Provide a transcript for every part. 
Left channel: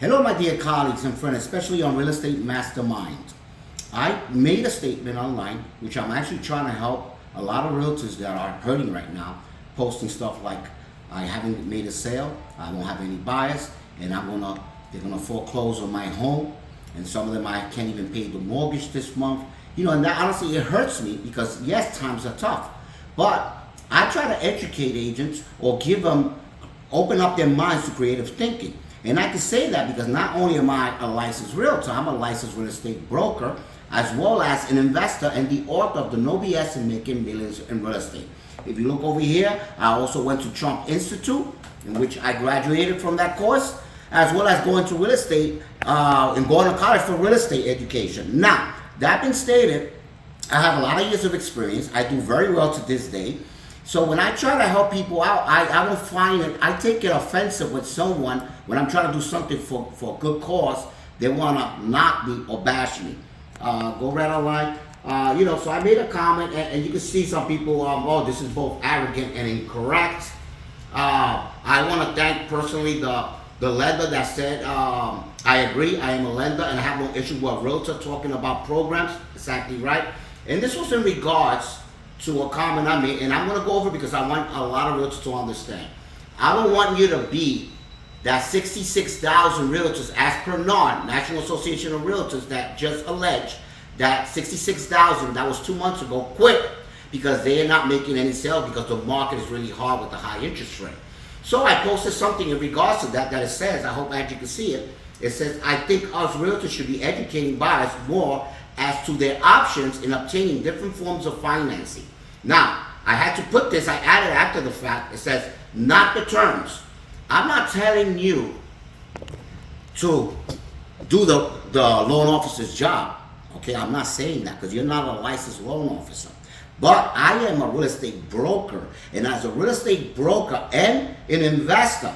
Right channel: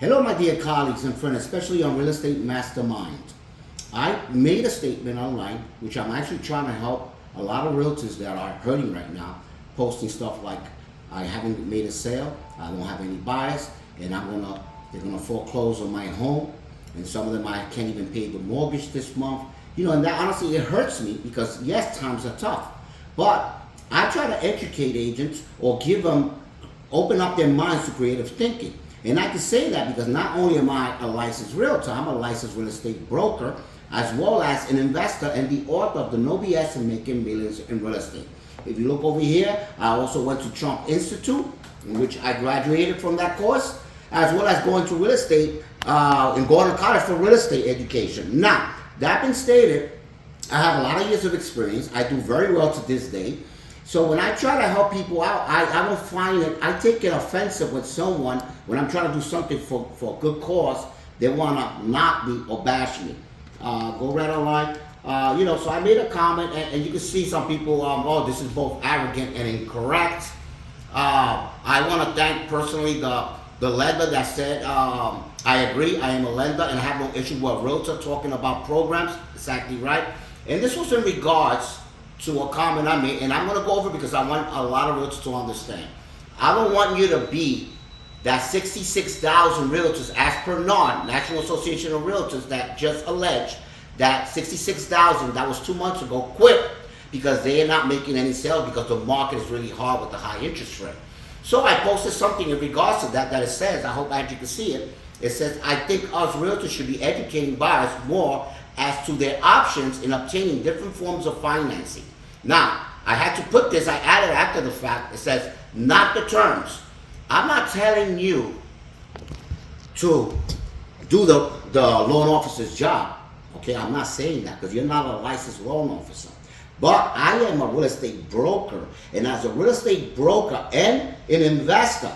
Hello, my dear colleagues and friends, especially on Real Estate Mastermind. I made a statement online, which I'm actually trying to help a lot of realtors that are hurting right now, posting stuff like, I haven't made a sale, I won't have any buyers, and they're gonna foreclose on my home, and some of them I can't even pay the mortgage this month. You know, and that honestly, it hurts me because yes, times are tough, but I try to educate agents or open up their minds to creative thinking. And I can say that because not only am I a licensed realtor, I'm a licensed real estate broker, as well as an investor and the author of the No BS in Making Millions in Real Estate. If you look over here, I also went to Trump Institute, in which I graduated from that course, as well as going to real estate and going to college for real estate education. Now, that being stated, I have a lot of years of experience. I do very well to this day. So when I try to help people out, I don't find it, I take it offensive with someone when I'm trying to do something for a good cause, they want to knock me or bash me. Go right online. So I made a comment, and you can see some people, oh, this is both arrogant and incorrect. I want to thank personally the lender that said, I agree, I am a lender and I have no issue with a realtor talking about programs. Exactly right. And this was in regards to a comment I made, and I'm going to go over because I want a lot of realtors to understand. I don't want you to be that 66,000 realtors, as per NAR, National Association of Realtors, that just alleged that 66,000, that was 2 months ago, quit because they are not making any sales because the market is really hard with the high interest rate. So I posted something in regards to that it says, I hope Angie can see it, it says, I think us realtors should be educating buyers more as to their options in obtaining different forms of financing. Now, I had to put this, I added after the fact, it says, not the terms. I'm not telling you to do the loan officer's job. Okay, I'm not saying that because you're not a licensed loan officer. But I am a real estate broker. And as a real estate broker and an investor,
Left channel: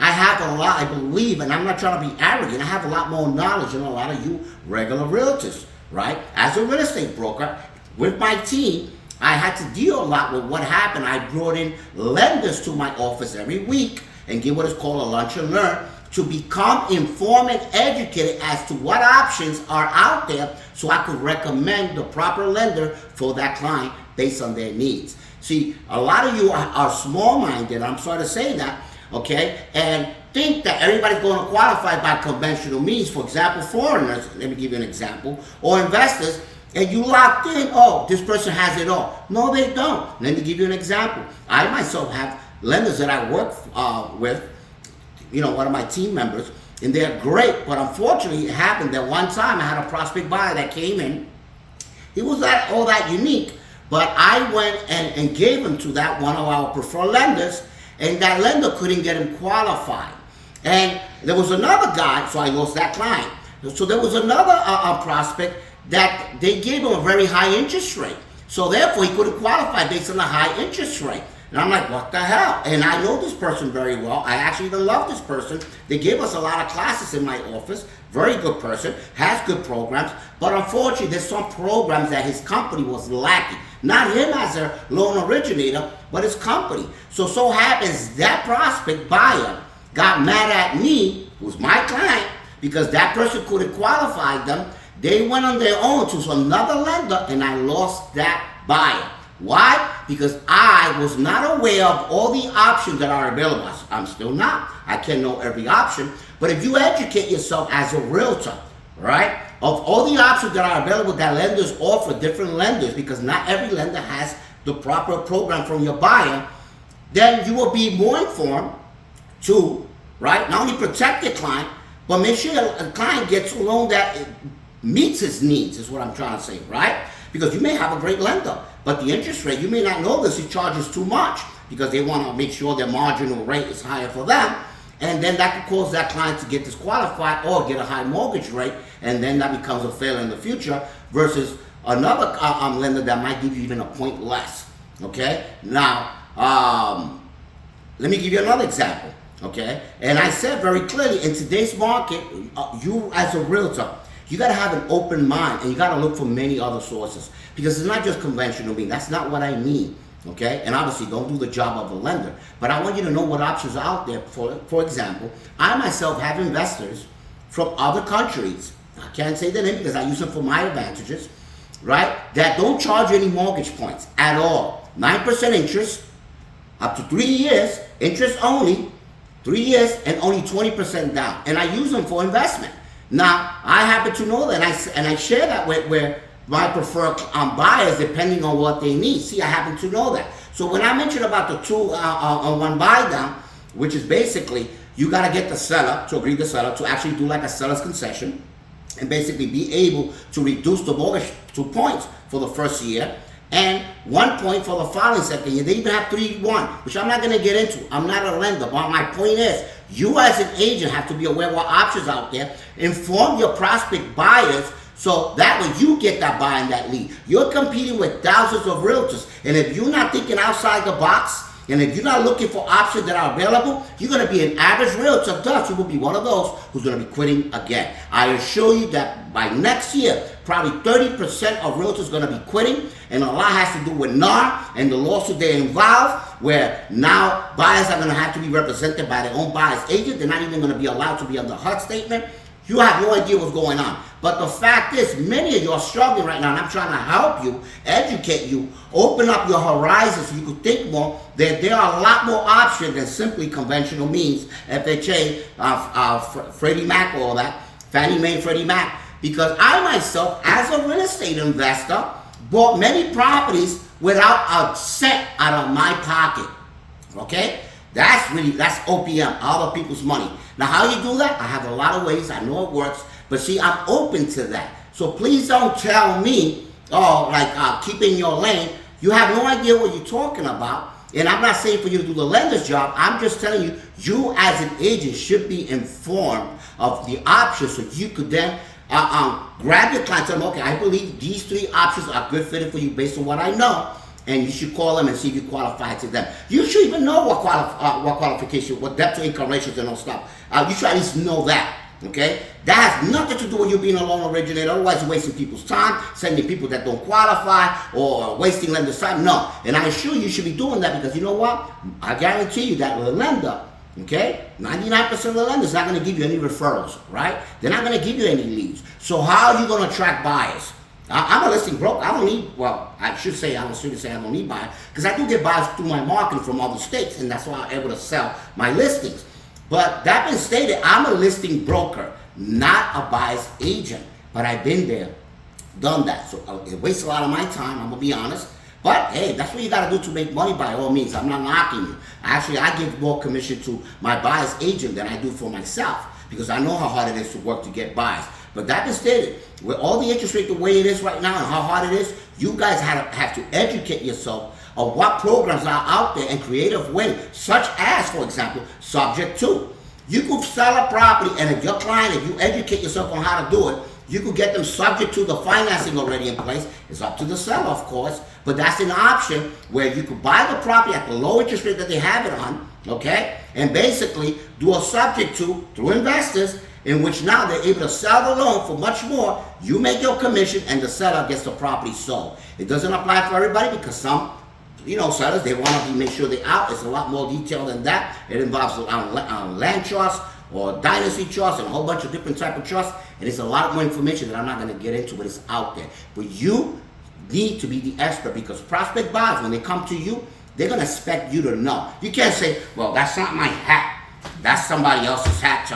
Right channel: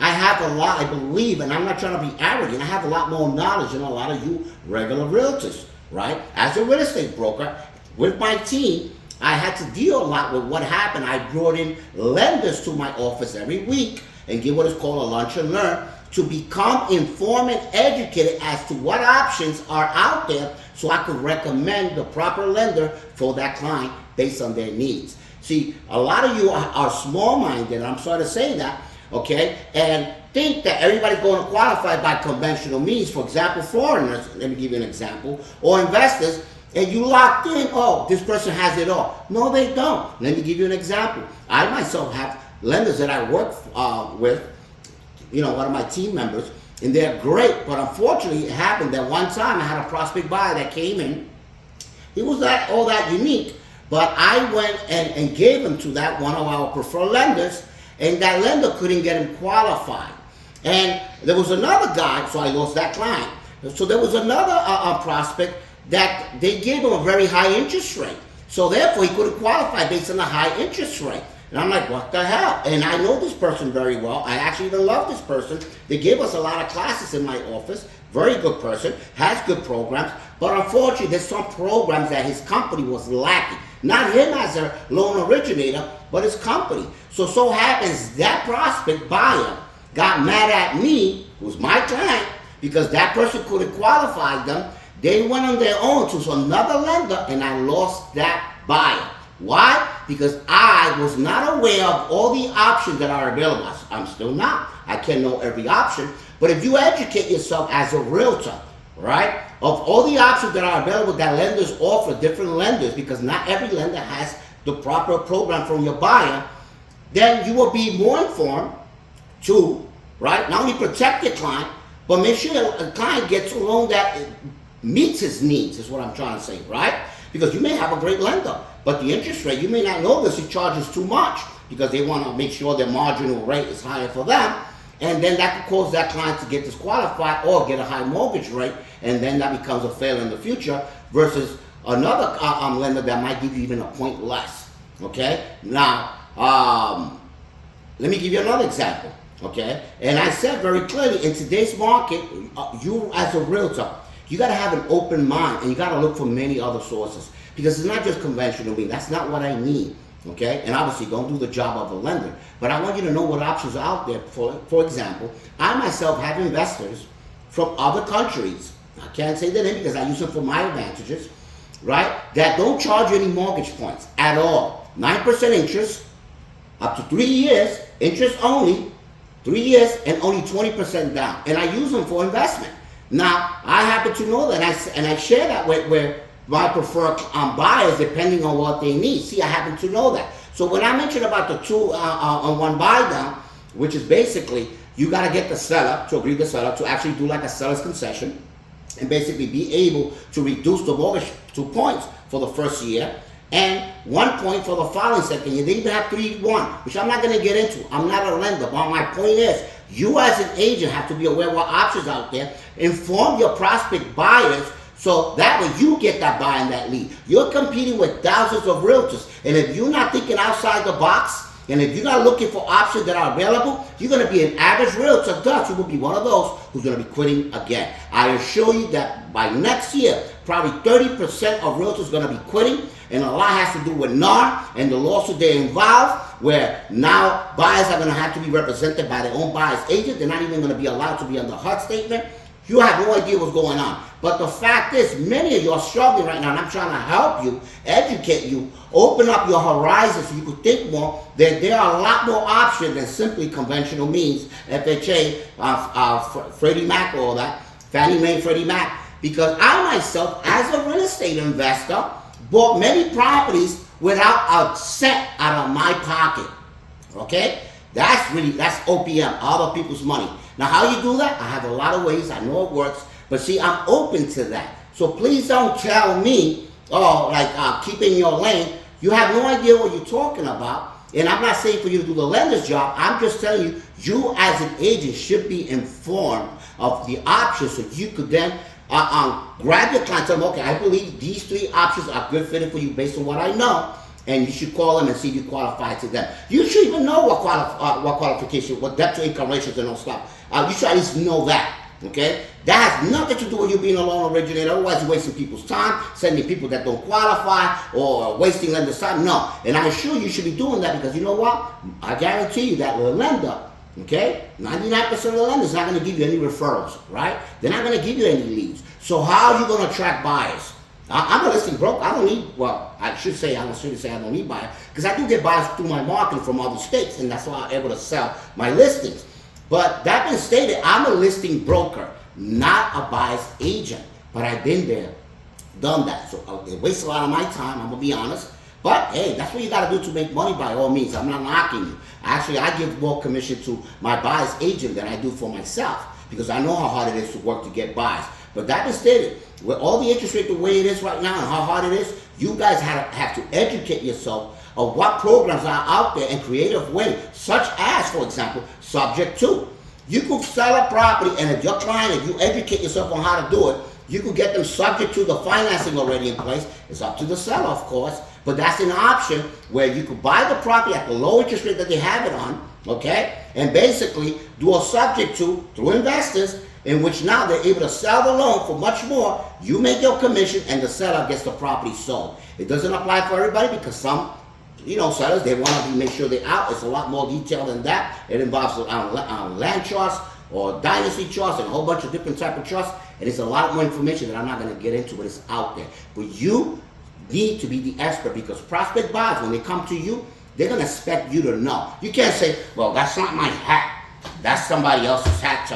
I have a lot, I believe, and I'm not trying to be arrogant, I have a lot more knowledge than a lot of you regular realtors, right? As a real estate broker, with my team, I had to deal a lot with what happened. I brought in lenders to my office every week and give what is called a lunch and learn to become informed and educated as to what options are out there so I could recommend the proper lender for that client based on their needs. See, a lot of you are small-minded, I'm sorry to say that, okay, and think that everybody's going to qualify by conventional means. For example, foreigners, let me give you an example, or investors, and you locked in, oh, this person has it all. No, they don't. Let me give you an example. I myself have lenders that I work with, one of my team members, and they're great, but unfortunately it happened that one time I had a prospect buyer that came in. He was not all that unique, but I went and gave him to that one of our preferred lenders, and that lender couldn't get him qualified. And there was another guy, so I lost that client. So there was another prospect that they gave him a very high interest rate. So therefore he couldn't qualify based on the high interest rate. And I'm like, what the hell? And I know this person very well. I actually even love this person. They gave us a lot of classes in my office. Very good person, has good programs. But unfortunately, there's some programs that his company was lacking. Not him as a loan originator, but his company. So happens that prospect buyer got mad at me, who's my client, because that person couldn't qualify them. They went on their own to another lender, and I lost that buyer. Why? Because I was not aware of all the options that are available. I'm still not. I can't know every option. But if you educate yourself as a realtor, right, of all the options that are available that lenders offer, different lenders, because not every lender has the proper program from your buyer, then you will be more informed to, right, not only protect your client, but make sure the client gets a loan that meets his needs, is what I'm trying to say, right? Because you may have a great lender, but the interest rate, you may not know this, he charges too much because they want to make sure their marginal rate is higher for them. And then that could cause that client to get disqualified or get a high mortgage rate, and then that becomes a failure in the future versus another lender that might give you even a point less, okay? Now, let me give you another example, okay? And I said very clearly, in today's market, you as a realtor, you got to have an open mind, and you got to look for many other sources because it's not just conventional means. That's not what I need, okay? And obviously, don't do the job of a lender. But I want you to know what options are out there. For example, I myself have investors from other countries. I can't say the name because I use them for my advantages, right? That don't charge you any mortgage points at all. 9% interest, up to 3 years, interest only, 3 years, and only 20% down. And I use them for investment. Now, I happen to know that, and I share that with my preferred buyers depending on what they need. See, I happen to know that. So when I mentioned about the 2-on-1 buy down, which is basically you got to get the seller to agree, the seller to actually do like a seller's concession and basically be able to reduce the mortgage 2 points for the first year and 1 point for the following second year. They even have 3-1, which I'm not going to get into. I'm not a lender, but my point is, you as an agent have to be aware of what options out there. Inform your prospect buyers so that way you get that buy and that lead. You're competing with thousands of realtors, and if you're not thinking outside the box, and if you're not looking for options that are available, you're going to be an average realtor. Thus, you will be one of those who's going to be quitting again. I assure you that by next year, probably 30% of realtors are going to be quitting, and a lot has to do with NAR and the lawsuit they're involved, where now buyers are going to have to be represented by their own buyer's agent. They're not even going to be allowed to be under HUD statement. You have no idea what's going on. But the fact is, many of you are struggling right now, and I'm trying to help you, educate you, open up your horizons so you can think more. That there are a lot more options than simply conventional means, FHA, Freddie Mac, all that, Fannie Mae, Freddie Mac. Because I myself, as a real estate investor, bought many properties without a cent out of my pocket. Okay? That's OPM, other people's money. Now, how you do that? I have a lot of ways. I know it works. But see, I'm open to that. So please don't tell me, keep in your lane. You have no idea what you're talking about. And I'm not saying for you to do the lender's job. I'm just telling you, you as an agent should be informed of the options so you could then grab your client and tell them, okay, I believe these 3 options are good fitting for you based on what I know. And you should call them and see if you qualify to them. You should even know what qualification, what debt to income ratios and all stuff. You should at least know that. Okay? That has nothing to do with you being a loan originator. Otherwise, you're wasting people's time, sending people that don't qualify, or wasting lenders' time. No. And I assure you should be doing that because you know what? I guarantee you that with a lender, okay, 99% of the lenders not going to give you any referrals, right? They're not going to give you any leads. So how are you going to attract buyers? I'm a listing broker. I don't need, I should say I don't need buyers because I do get buyers through my marketing from other states, and that's why I'm able to sell my listings. But that being stated, I'm a listing broker, not a buyer's agent. But I've been there, done that. So it wastes a lot of my time, I'm going to be honest. But hey, that's what you got to do to make money by all means. I'm not knocking you. Actually, I give more commission to my buyer's agent than I do for myself because I know how hard it is to work to get buyers. But that being stated, with all the interest rate the way it is right now and how hard it is, you guys have to educate yourself of what programs are out there in creative ways, such as, for example, subject to. You could sell a property, and if your client, if you educate yourself on how to do it, you could get them subject to the financing already in place. It's up to the seller, of course, but that's an option where you could buy the property at the low interest rate that they have it on, okay, and basically do a subject to through investors, in which now they're able to sell the loan for much more. You make your commission, and the seller gets the property sold. It doesn't apply for everybody because some sellers, they want to make sure they're out. It's a lot more detailed than that. It involves land trusts or dynasty trusts and a whole bunch of different type of trusts. And it's a lot more information that I'm not going to get into, but it's out there. But you need to be the expert because prospect buyers, when they come to you, they're going to expect you to know. You can't say, well, that's not my hat. That's somebody else's hat,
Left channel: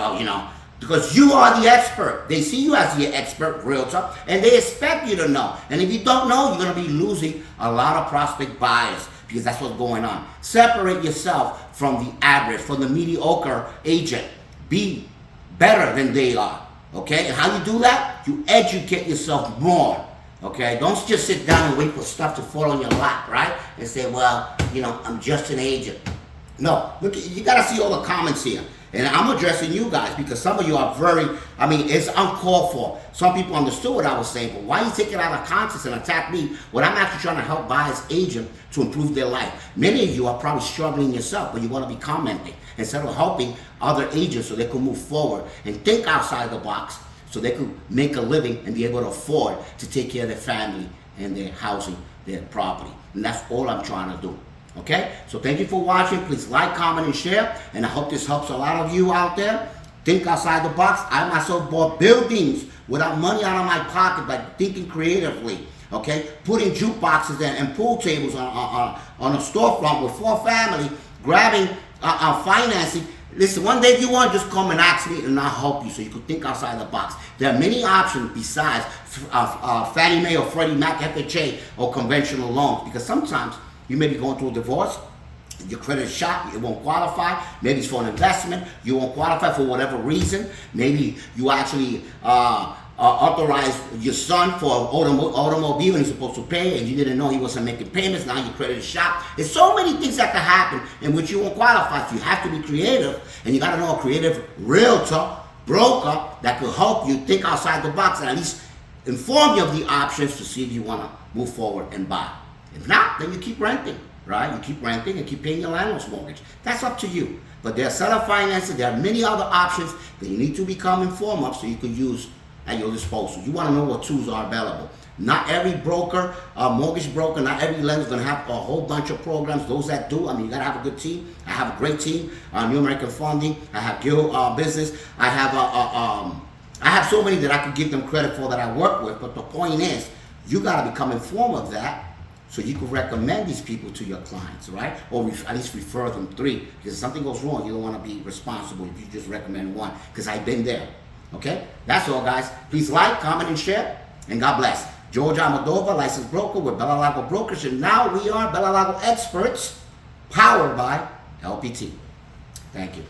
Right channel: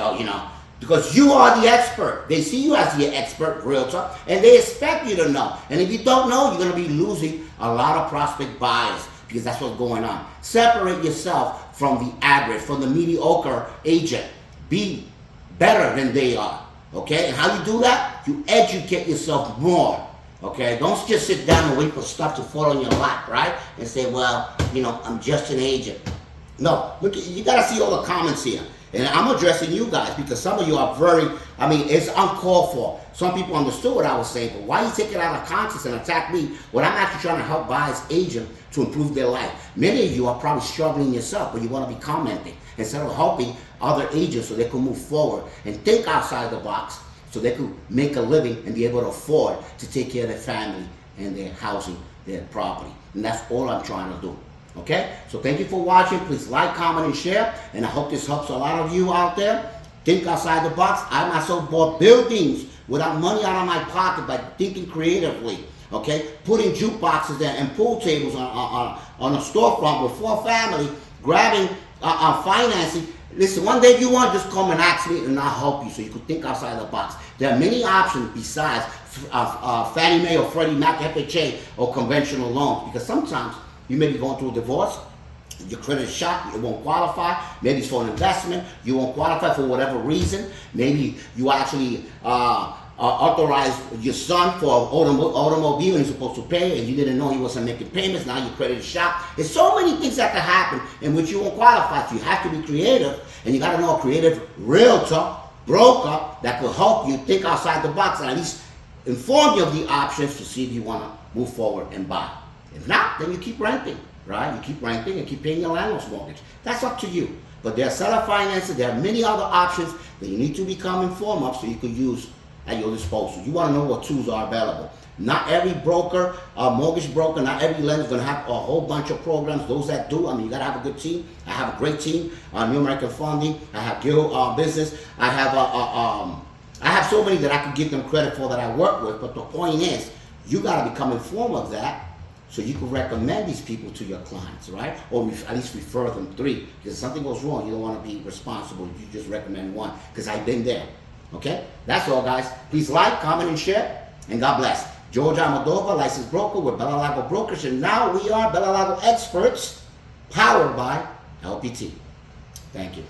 because you are the expert. They see you as the expert realtor, and they expect you to know. And if you don't know, you're going to be losing a lot of prospect buyers because that's what's going on. Separate yourself from the average, from the mediocre agent. Be better than they are, okay? And how you do that? You educate yourself more, okay? Don't just sit down and wait for stuff to fall on your lap, right? And say, well, I'm just an agent. No, look, you got to see all the comments here. And I'm addressing you guys because some of you are it's uncalled for. Some people understood what I was saying, but why you take it out of context and attack me when I'm actually trying to help buyer's agent to improve their life? Many of you are probably struggling yourself, but you want to be commenting instead of helping other agents so they can move forward and think outside the box so they could make a living and be able to afford to take care of their family and their housing, their property. And that's all I'm trying to do. Okay, so thank you for watching. Please like, comment, and share. And I hope this helps a lot of you out there. think outside the box. I myself bought buildings without money out of my pocket by thinking creatively. Okay, putting jukeboxes there and pool tables on a storefront with 4 family, grabbing financing. Listen, one day if you want, just come and ask me and I'll help you so you can think outside the box. There are many options besides Fannie Mae or Freddie Mac, FHA, or conventional loans, because sometimes you may be going through a divorce, your credit is shot, it won't qualify. Maybe it's for an investment, you won't qualify for whatever reason. Maybe you actually authorized your son for an automobile and he's supposed to pay and you didn't know he wasn't making payments. Now your credit is shot. There's so many things that can happen in which you won't qualify. So you have to be creative, and you got to know a creative realtor, broker that will help you think outside the box and at least inform you of the options to see if you want to move forward and buy. If not, then you keep renting, right? You keep renting and keep paying your landlord's mortgage. That's up to you. But there are seller financing. There are many other options that you need to become informed of so you can use at your disposal. You want to know what tools are available. Not every broker, mortgage broker, not every lender is going to have a whole bunch of programs. Those that do, I mean, you got to have a good team. I have a great team. New American Funding. I have Guild Business. I have so many that I could give them credit for that I work with. But the point is, you got to become informed of that so you can recommend these people to your clients, right? Or at least refer them 3. Because if something goes wrong, you don't want to be responsible if you just recommend 1. Because I've been there. Okay? That's all, guys. Please like, comment, and share. And God bless. George Almodovar, licensed broker with Bella Lago Brokers. And now we are Bella Lago experts, powered by LPT. Thank you.